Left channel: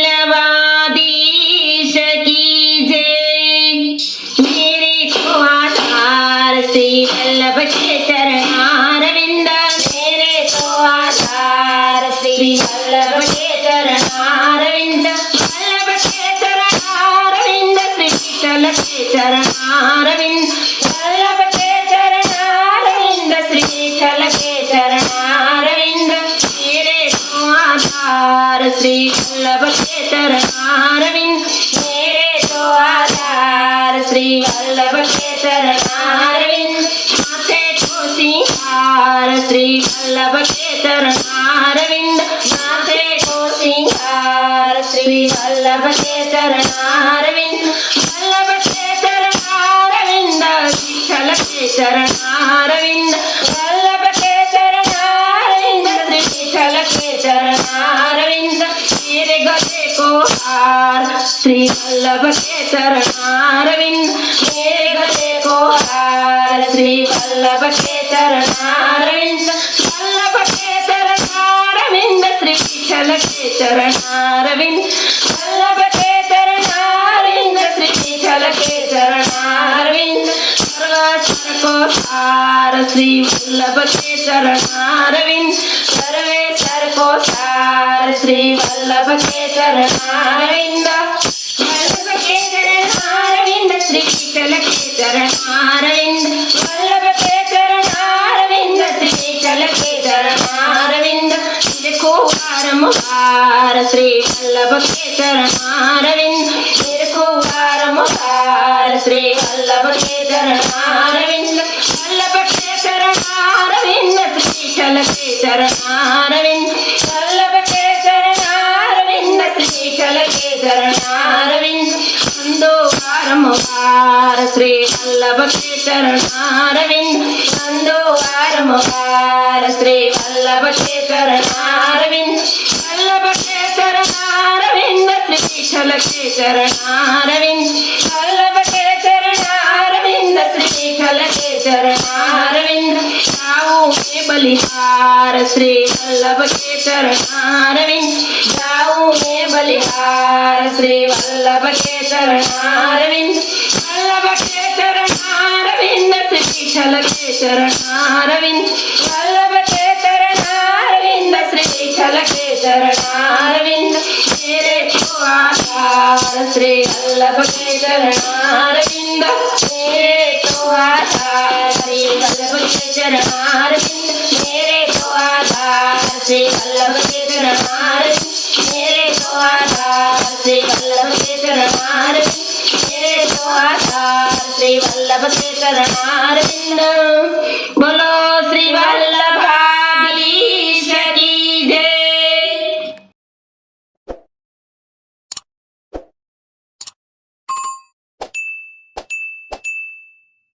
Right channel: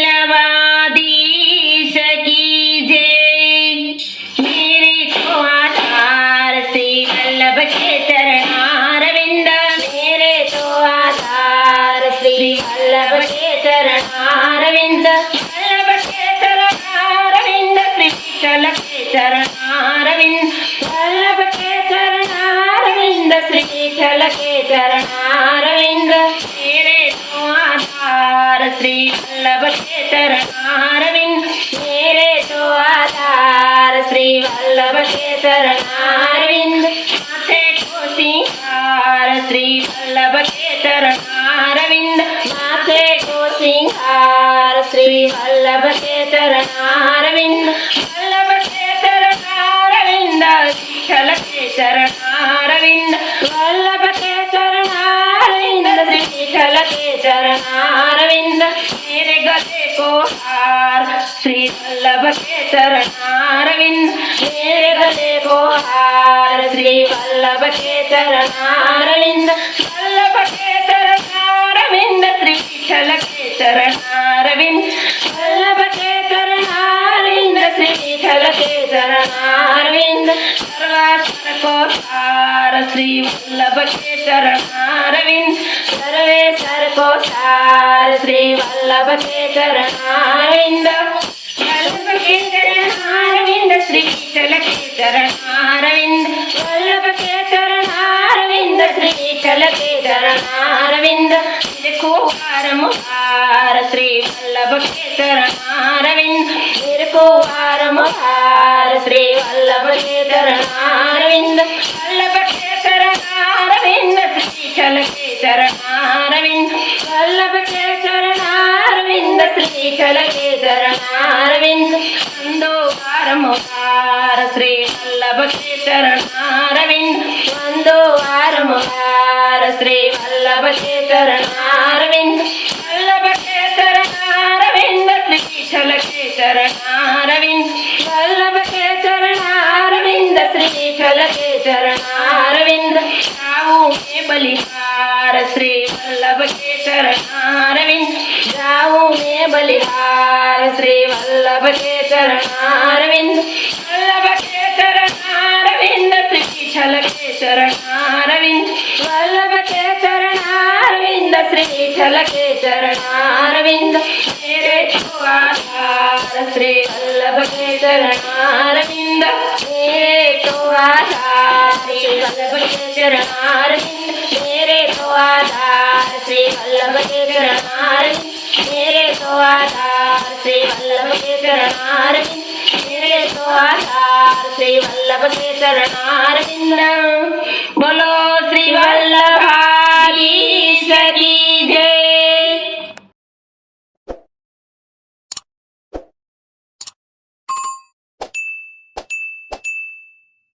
वल्लभाधीश की जय। मेरे को आधार श्री वल्लभ के चरणारविंद, मेरे को आधार श्री वल्लभ के चरणारविंद, वल्लभ के चरणारविंद, श्री विठ्ठल के चरणारविंद, वल्लभ के चरणारविंद, श्री विठ्ठल के चरणारविंद। मेरे को आधार श्री वल्लभ के चरणारविंद, मेरे तो आधार श्री वल्लभ के चरणारविंद। माथे को सिंगार श्री वल्लभ के चरणारविंद, माथे को सिंगार श्री वल्लभ के चरणारविंद, वल्लभ के चरणारविंद, विठ्ठल के चरणारविंद, वल्लभ के चरणारविंद, श्री विठ्ठल के चरणारविंद। मेरे गले को हार श्री वल्लभ के चरणारविंद, मेरे गले को हार श्री वल्लभ के चरणारविंद, वल्लभ के चरणारविंद, श्री विठ्ठल के चरणारविंद, वल्लभ के चरणारविंद, श्री विठ्ठल के चरणारविंद। सर्वेश्वर को हार श्री वल्लभ के चरणारविंद, सर्वेश्वर को हार श्री वल्लभ के चरणारविंद, वल्लभ के चरणारविंद, श्री विठ्ठल के चरणारविंद, वल्लभ के चरणारविंद, श्री विठ्ठल के चरणारविंद। को हारम हार श्री वल्लभ के चरणारविंद, मेरे को हारम हार श्री वल्लभ के चरणारविंद, वल्लभ के चरणारविंद, श्री विठ्ठल के चरणारविंद, वल्लभ के चरणारविंद, श्री विठ्ठल के चरणारविंद। वंदो हारम हार श्री वल्लभ के चरणारविंद, वंदो हारम हार श्री वल्लभ के चरणारविंद, वल्लभ के चरणारविंद, श्री विठ्ठल के चरणारविंद, वल्लभ के चरणारविंद, श्री विठ्ठल के चरणारविंद। जाऊं मैं बलिहार श्री वल्लभ के चरणारविंद, जाऊं मैं बलिहार श्री वल्लभ के चरणारविंद, वल्लभ के चरणारविंद, श्री विठ्ठल के चरणारविंद, वल्लभ के चरणारविंद, श्री विठ्ठल के चरणारविंद। मेरे को आधार श्री वल्लभ के चरणारविंद, मेरे को आधार श्री वल्लभ के चरणारविंद, मेरे को आधार श्री वल्लभ के चरणारविंद, मेरे को आधार श्री वल्लभ के चरणारविंद, मेरे को आधार श्री वल्लभ के चरणारविंद। बोलो